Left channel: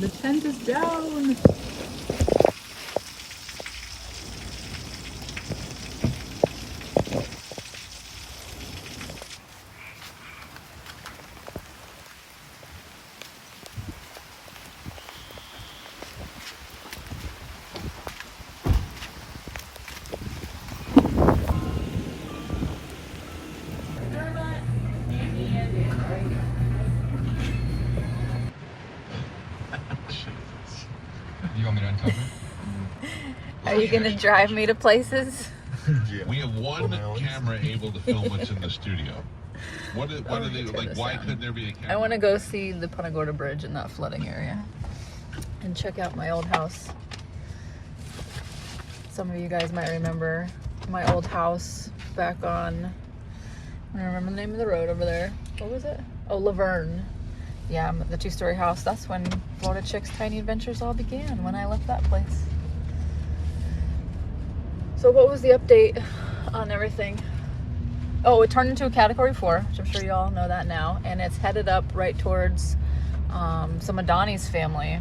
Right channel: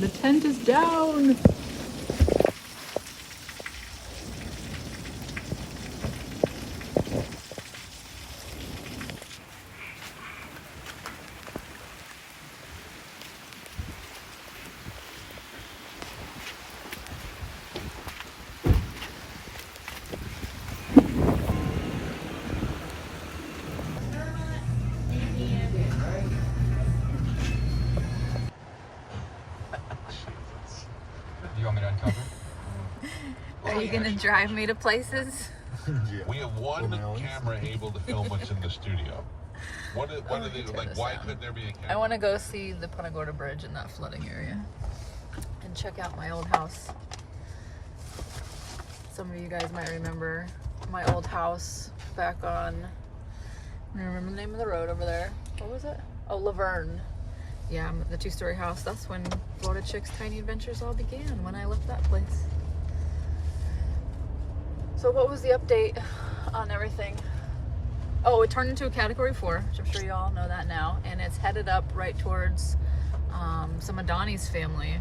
The tent is down. You want me to uncover? Are you gonna drive me to places? Yeah. We have one camera able to film what's in the studio. What do they like? Why couldn't there be a camera? I want to go see the Punta Gorda Bridge in that flooding area and check out my old house. Some of you guys might remember my old house back on, I don't remember the name of the road over there. What was it? Oh, Laverne. Yeah, the 2-story house. That's when Florida Chicks Tiny Adventures all began, when I left that place. So what was the update on everything? Oh, it turned into a Category 4, which I'm sure you all know that now. And it's headed up right towards some of Donnie's family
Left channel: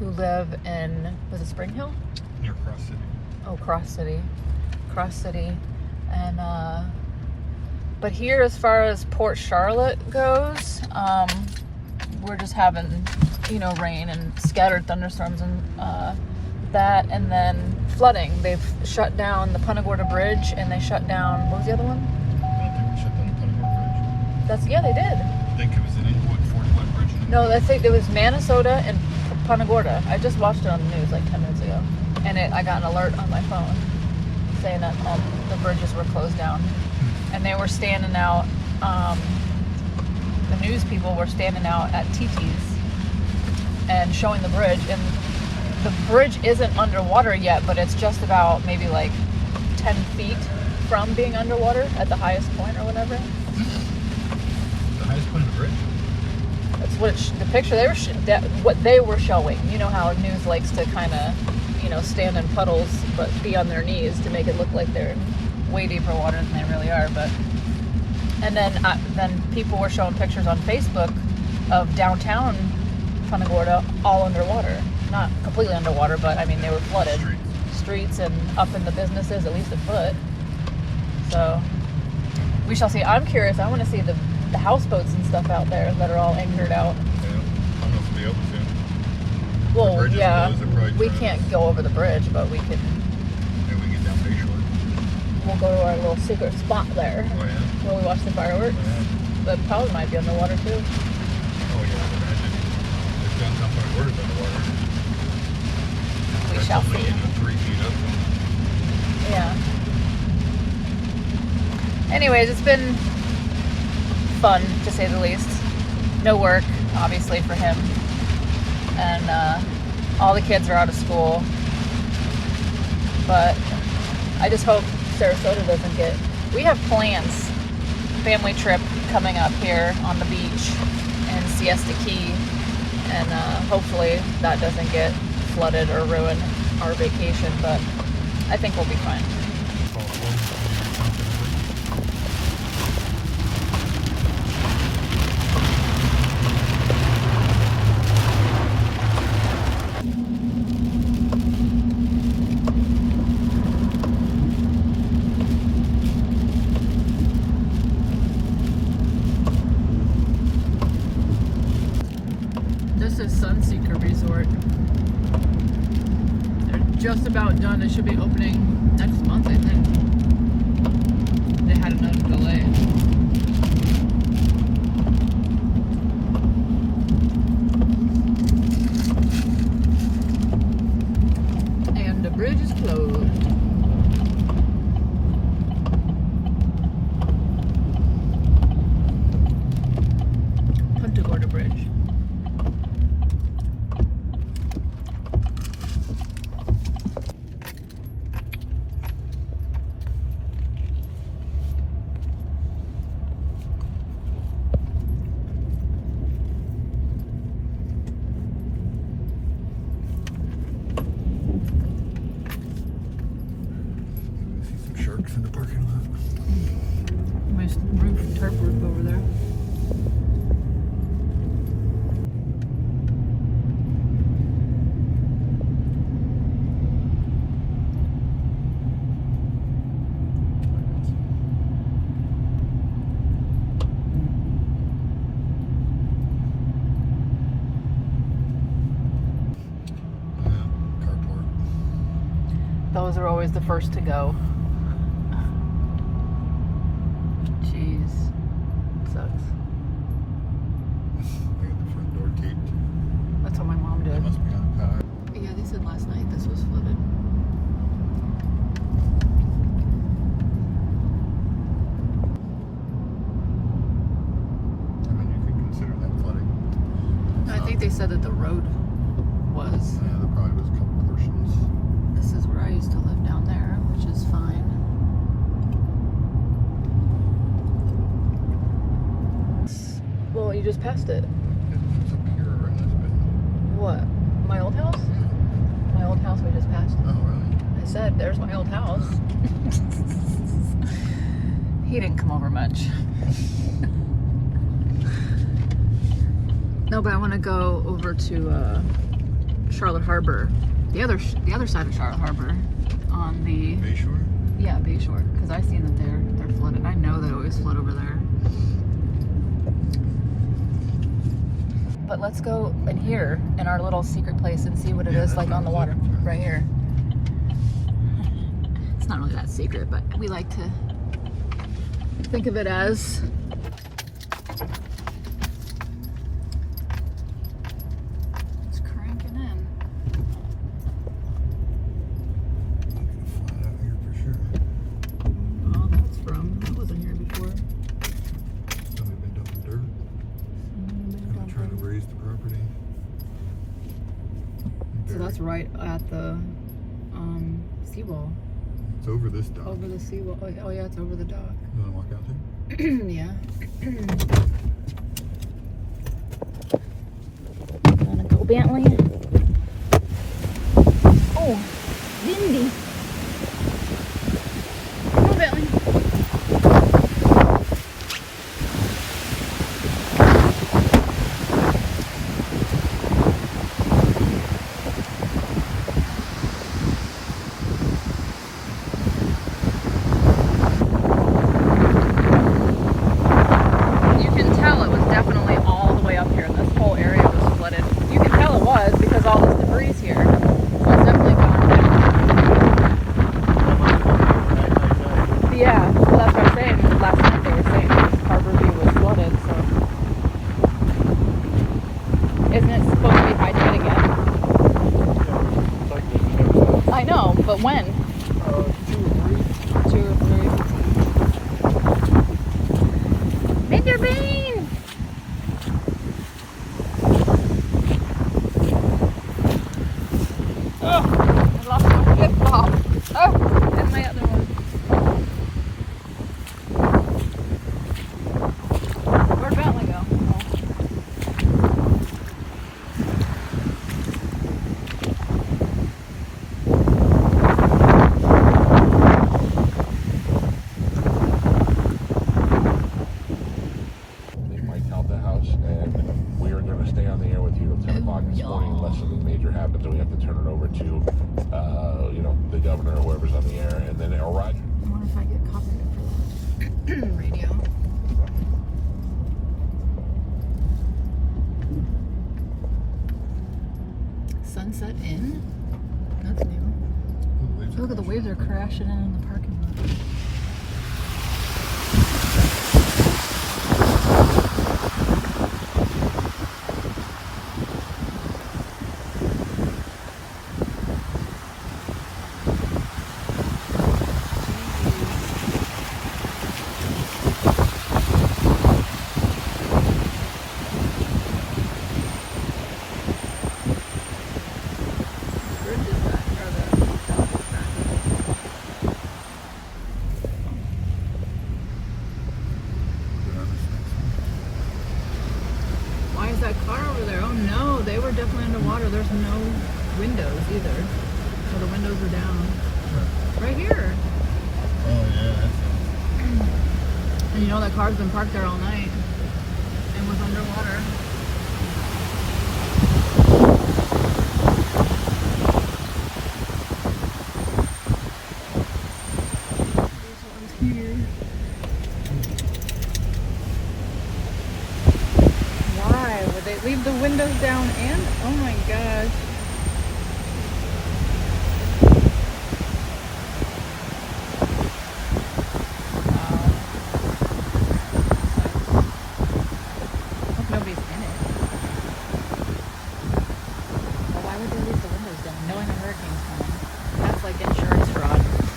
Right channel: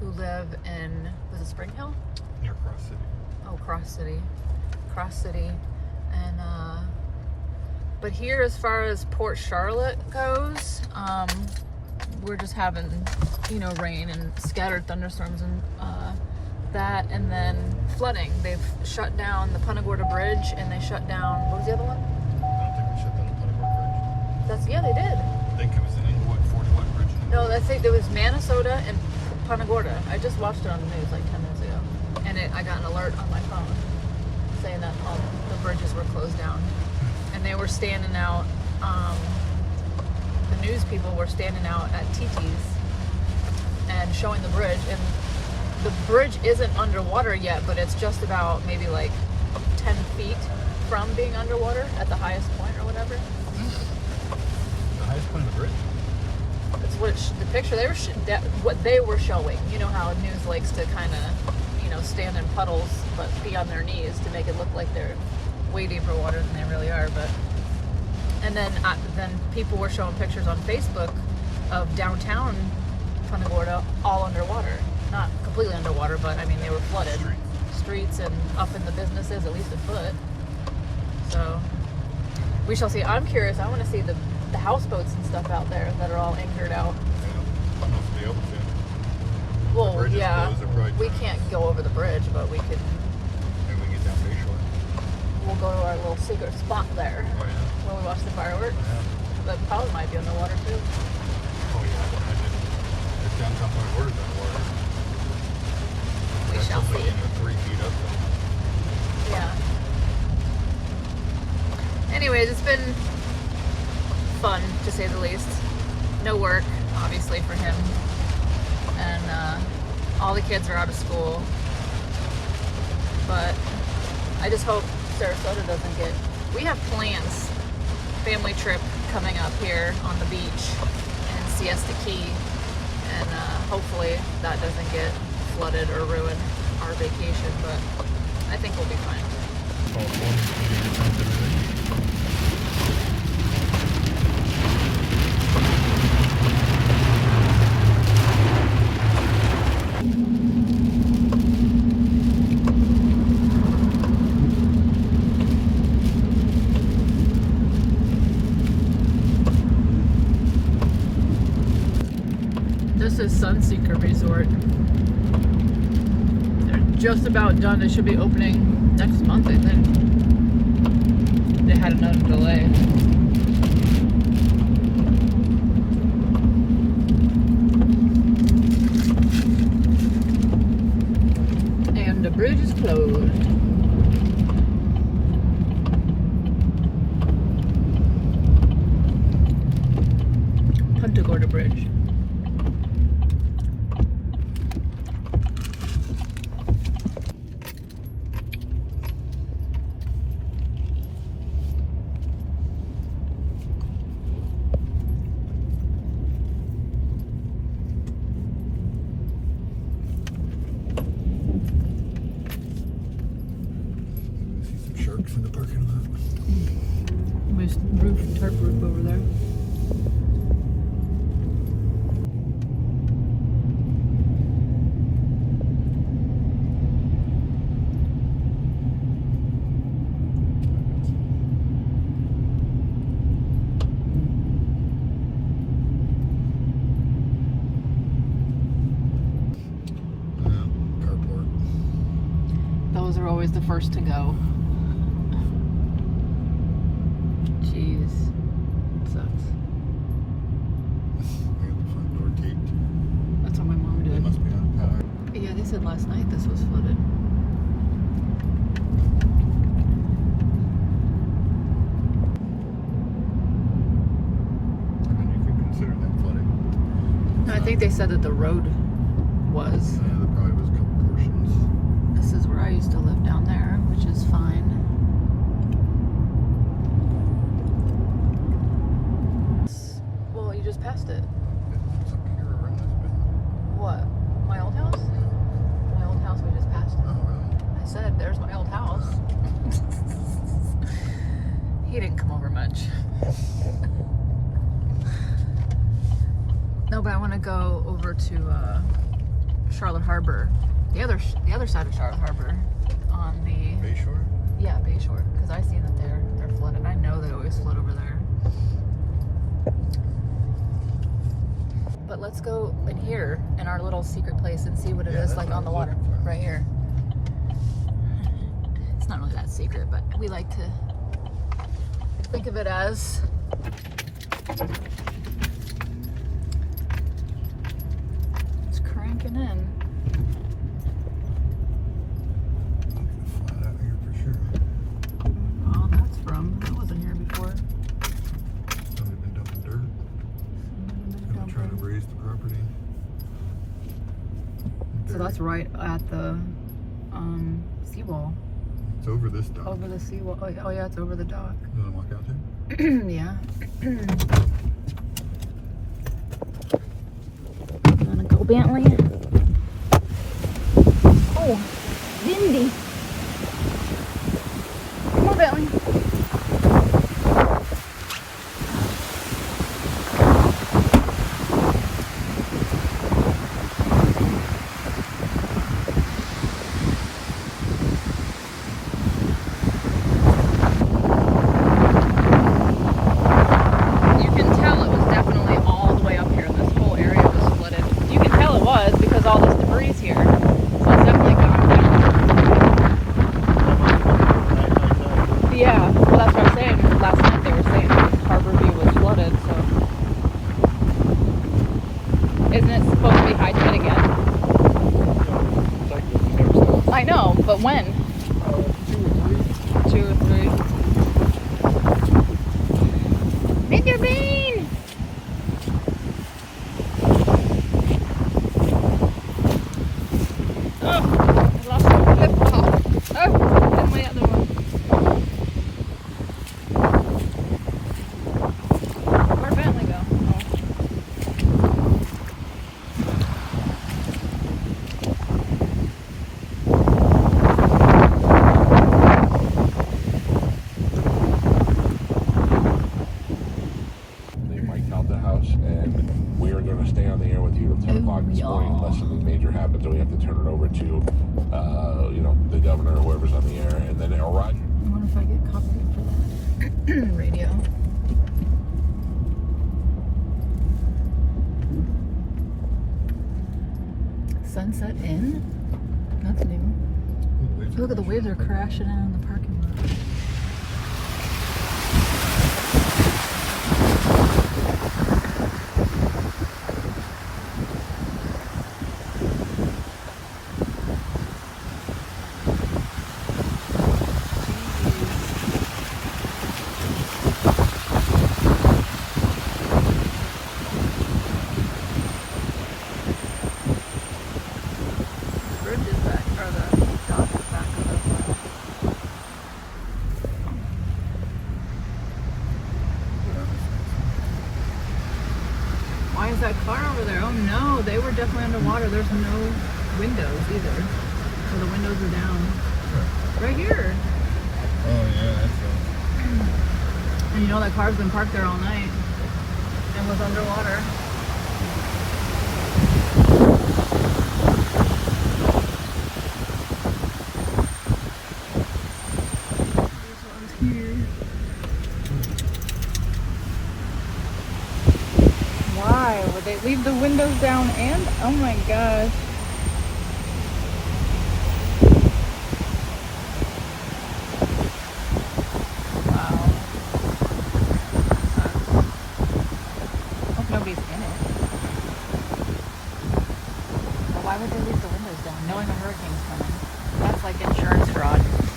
who live in, was it Spring Hill? Near Cross City. Oh, Cross City. And, but here, as far as Port Charlotte goes, we're just having, you know, rain and scattered thunderstorms and that, and then flooding. They've shut down the Punta Gorda Bridge, and they shut down, what was the other one? I don't think we shut down the Punta Gorda Bridge. Yeah, they did. I think it was an 41 bridge. No, I think it was Minnesota and Punta Gorda. I just watched it on the news like 10 minutes ago, and I got an alert on my phone saying that all the bridges were closed down. And they were standing out, the news people were standing out at TT's and showing the bridge. And the bridge isn't underwater yet, but it's just about maybe like 10 feet from being underwater at the highest point or whatever. The highest point of the bridge? That's what the picture they were what they were showing. You know how news likes to kind of, you know, stand in puddles but be on their knees to make it look like they're way deeper water than they really are. But and then people were showing pictures on Facebook of downtown Punta Gorda all underwater. Not completely underwater, but I mean they were flooded. Streets and up in the businesses at least a foot. So we shall see. I'm curious. I want to see the houseboats and stuff out there that are all anchored out. Yeah. I don't know if it'll be open soon. Well, yeah, we can't go over the bridge, but we can. Maybe we get down Bayshore. We'll go to our little secret spot there Oh, yeah. where we watch the fireworks. Yeah. But probably might be underwater too. Oh, yeah. It's downtown Punta Gorda's underwater. We shall see. 3 feet up. Yeah. Anyways, it's been fun to say the least. No work, obviously, for him. And all the kids are out of school. But I just hope Sarasota doesn't get... We have plans. Family trip coming up here on the beach in Siesta Key. And hopefully that doesn't get flooded or ruin our vacation. But I think we'll be fine. This is Sunseeker Resort. They're just about done. It should be opening next month, I think. They had another delay. And the bridge is closed. Punta Gorda Bridge. Sharks in the parking lot. Nice roof, tarp roof over there. are always the first to go. Jeez. Sucks. They had the front door taped. That's what my mom It did. must be on. Yeah, they said last night this was flooded. I mean, you could consider that flooding. No, I think they said that the road was. Yeah, there probably was a couple portions. This is where I used to live down there, which is fine. Well, you just passed it. It's up here, right? It's been- What? My old house? My old house we just passed. Oh, really? I said, there's my old house. He didn't come over much. No, but I want to go over to Charlotte Harbor, the other side of Charlotte Harbor, on the Bayshore? Bayshore, because I seen that they're flooded. I know they always flood over there. But let's go in here in our little secret place and see what it is like on the water right here. It's not really that secret, but we like to think of it as. It's cranking in. Flat out here for sure. Oh, that's from. That wasn't here before. Somebody been dumping dirt. Gonna try to raise the property. So that's right at the seawall. It's over this dock. Over the seawall. Oh yeah, it's over the dock. You wanna walk out there? Yeah. Wanna go, Bentley? Oh, windy. Come on, Bentley. You can tell it was definitely all the way up here, and this whole area was flooded. You can tell it was because all this debris is here. So it's definitely gone down. Yeah, well that's what I was saying. Last night they were saying Harbor View was flooded, so. Isn't it supposed to be high tide again? It's like this next time. I know, but when? 2 or 3. Mr. Bean! Oh, I lost my flip flop. Oh, and my other one. Where'd Bentley go? They might count the house, and we are going to stay on the air with you until Ooh, this yeah. morning, unless something major happens, or we have to turn it over to, the governor or whoever's on the air, and then it'll run. I wonder if I get copyright for the radio. Sunset Inn? That's new. Look at the waves are crashing in on the parking lot. The bridge is back, or the dock is back up. Why is that car over there? Oh no, they were definitely underwater. There's no windows either. Or the windows are down. Right here. Oh yeah, that's And you know that car's been parked there all night and was underwater. This one's here. Why would they leave the windows down and? Oh my gosh.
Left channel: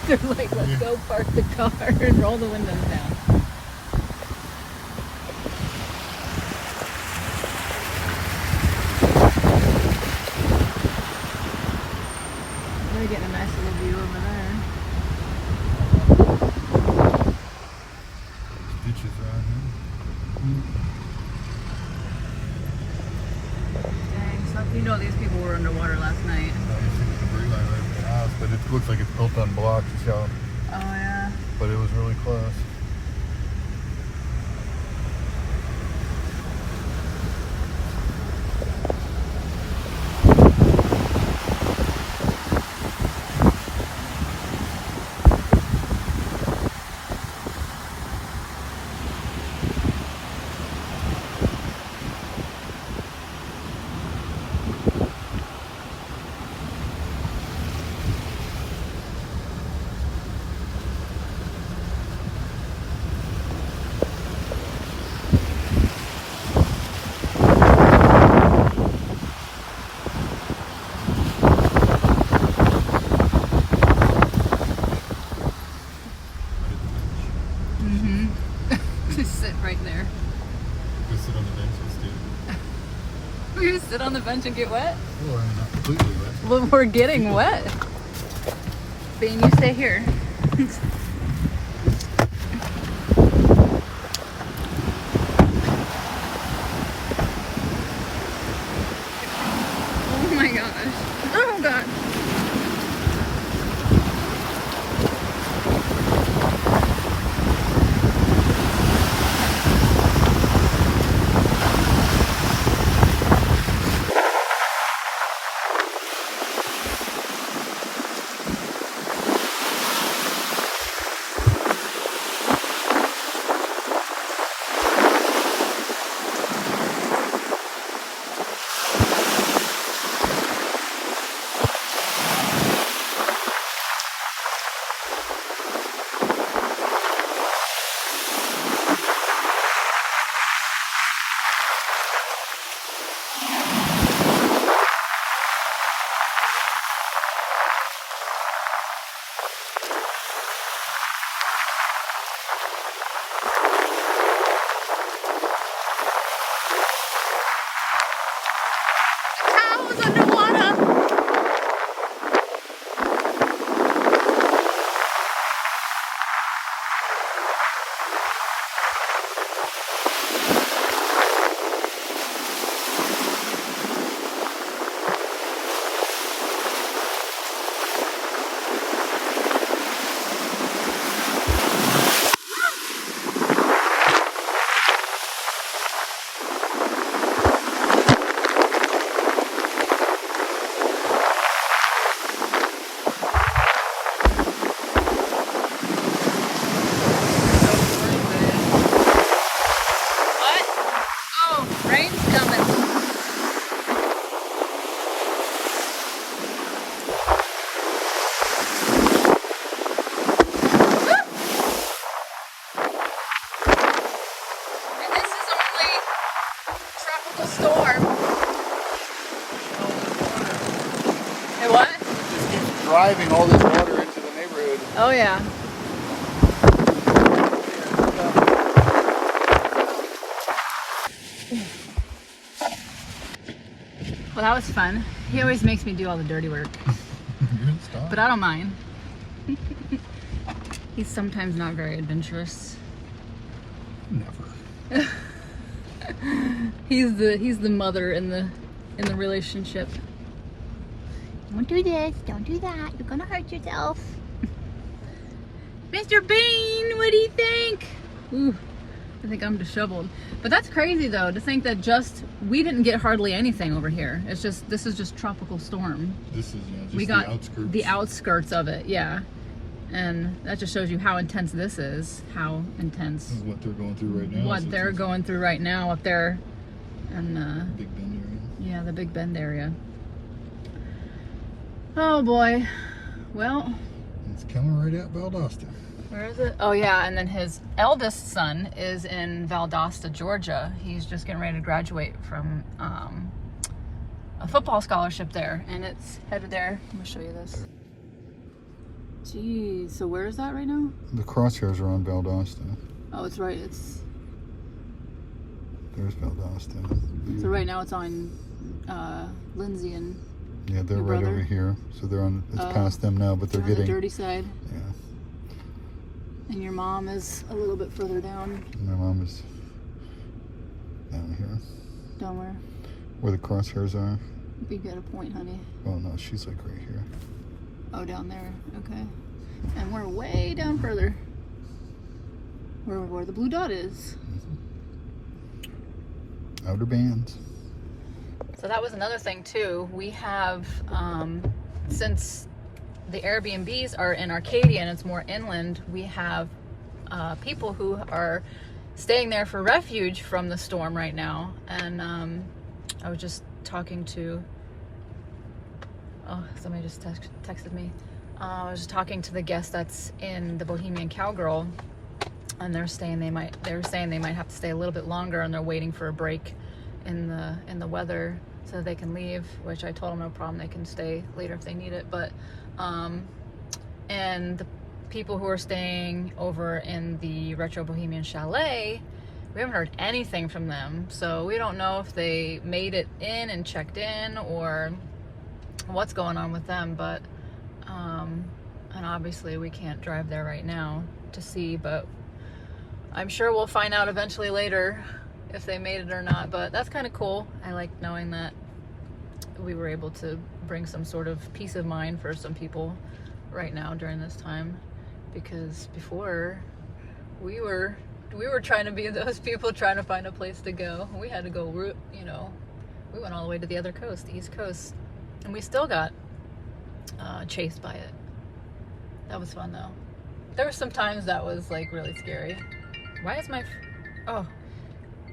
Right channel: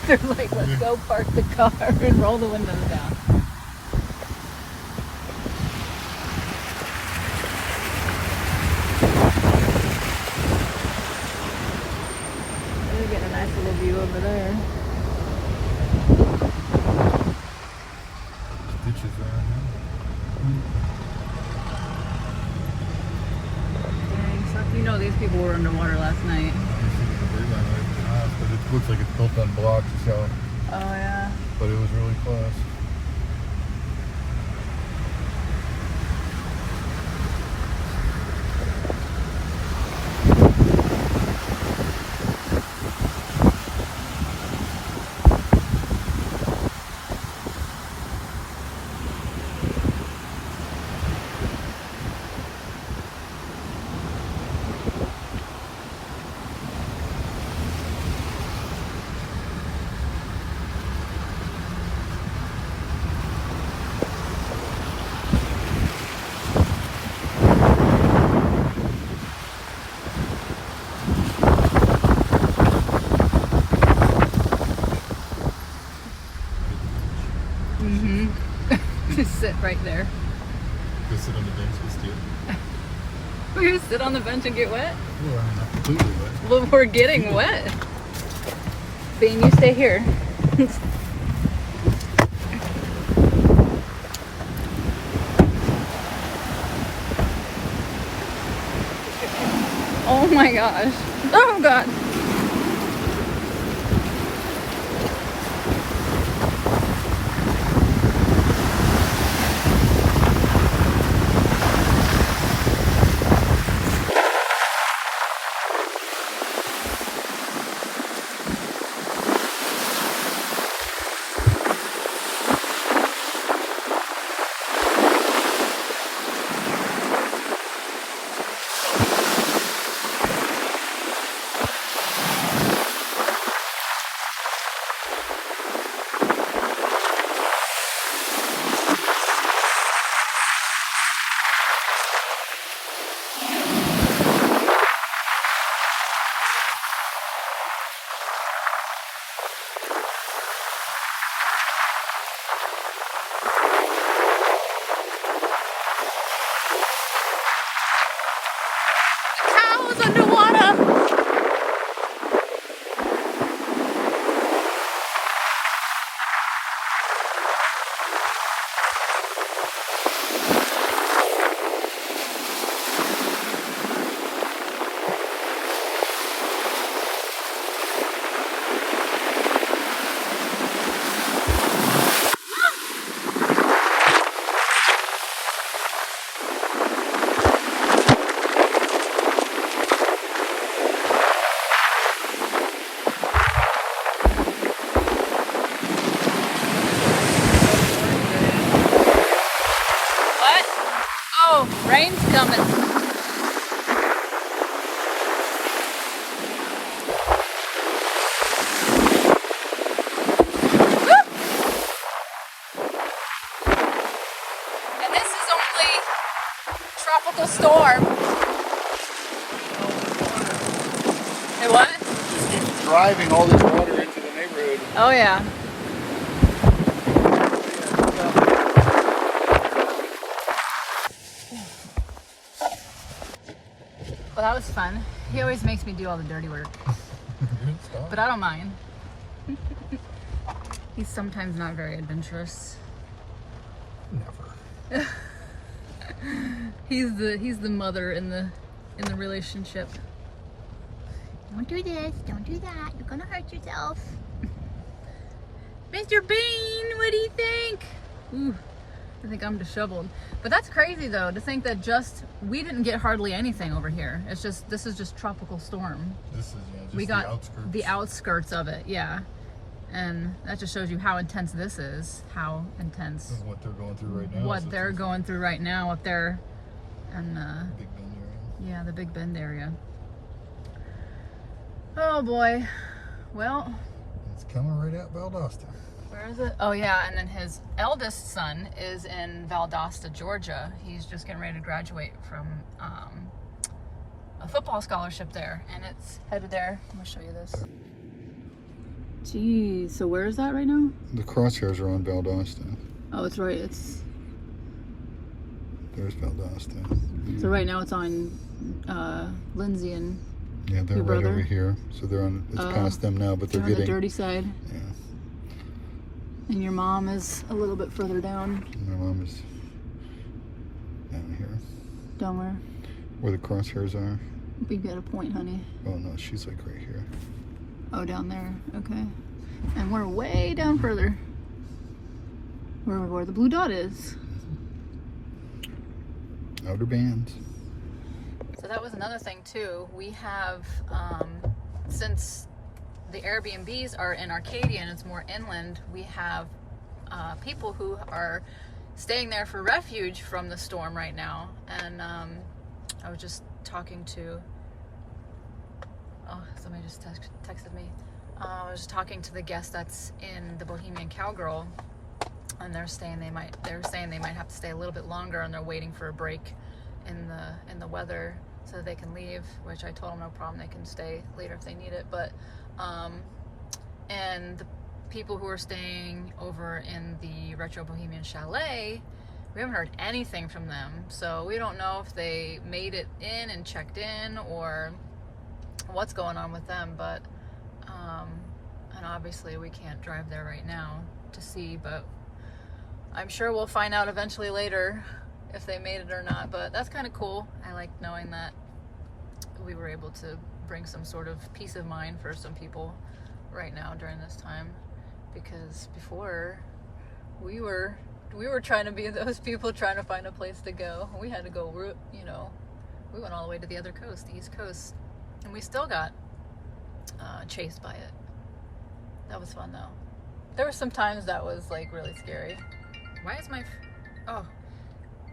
They're like, let's go park the car and roll the windows down. We're getting a nice little view over there. Beaches around here. Dang, so you know these people were underwater last night. You see the debris line right at the house, but it looks like it's built on blocks. You see how, Oh yeah. but it was really close. Just sit right there. Just sit on the bench and steal. We're gonna sit on the bench and get wet? Well, I mean, not completely, right? Well, we're getting wet. Bean, you stay here. Oh my gosh. Oh god. Towels underwater. Rain's coming. Woo! And this is only tropical storm. Hey, what? It's driving all this water into the neighborhood. Oh yeah. Well, that was fun. He always makes me do all the dirty work, but I don't mind. He's sometimes not very adventurous. Never. He's the mother in the relationship. Don't do this. Don't do that. You're gonna hurt yourself. Mr. Bean, what do you think? Ooh, I think I'm disheveled. But that's crazy though, to think that we didn't get hardly anything over here. This is just tropical storm. This is just we got the outskirts. The outskirts of it, yeah. And that just shows you how intense this is. How intense. This is what they're going through right now. What they're going through right now up there, and Big Bend area. yeah, the Big Bend area. Oh boy. Well. It's coming right at Valdosta. Where is it? Oh yeah, and then his eldest son is in Valdosta, Georgia. He's just getting ready to graduate from a football scholarship there, and it's headed there. I'm gonna show you this. Geez, so where is that right now? The crosshairs are on Valdosta. Oh, it's right. It's There's Valdosta. so right now it's on Lindsay and Yeah, they're your right brother? over here. So they're on. It's past them now, but they're on the getting. dirty side. Yeah. And your mom is a little bit further down. My mom is down here, Down where? where the crosshairs are. You got a point, honey. Oh no, she's like right here. Oh, down there. Okay. And we're way down further. Where the blue dot is. Outer bands. So that was another thing too. We have, since the Airbnbs are in Arcadia and it's more inland, we have people who are staying there for refuge from the storm right now. And I was just talking to, oh, somebody just texted me. I was just talking to the guest that's in the Bohemian Cowgirl, and they're saying they might have to stay a little bit longer, and they're waiting for a break in the weather so they can leave, which I told them no problem, they can stay later if they need it. But and the people who are staying over in the Retro Bohemian Chalet, we haven't heard anything from them, so we don't know if they made it in and checked in or what's going on with them. But and obviously we can't drive there right now to see, but I'm sure we'll find out eventually later if they made it or not. But that's kind of cool. I like knowing that we were able to bring some sort of peace of mind for some people right now during this time, because before we were trying to be those people trying to find a place to go. We had to go, you know, we went all the way to the other coast, the East Coast, and we still got chased by it. That was fun though. There were some times that was like really scary. Why is my oh,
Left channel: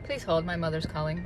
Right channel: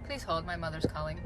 please hold, my mother's calling.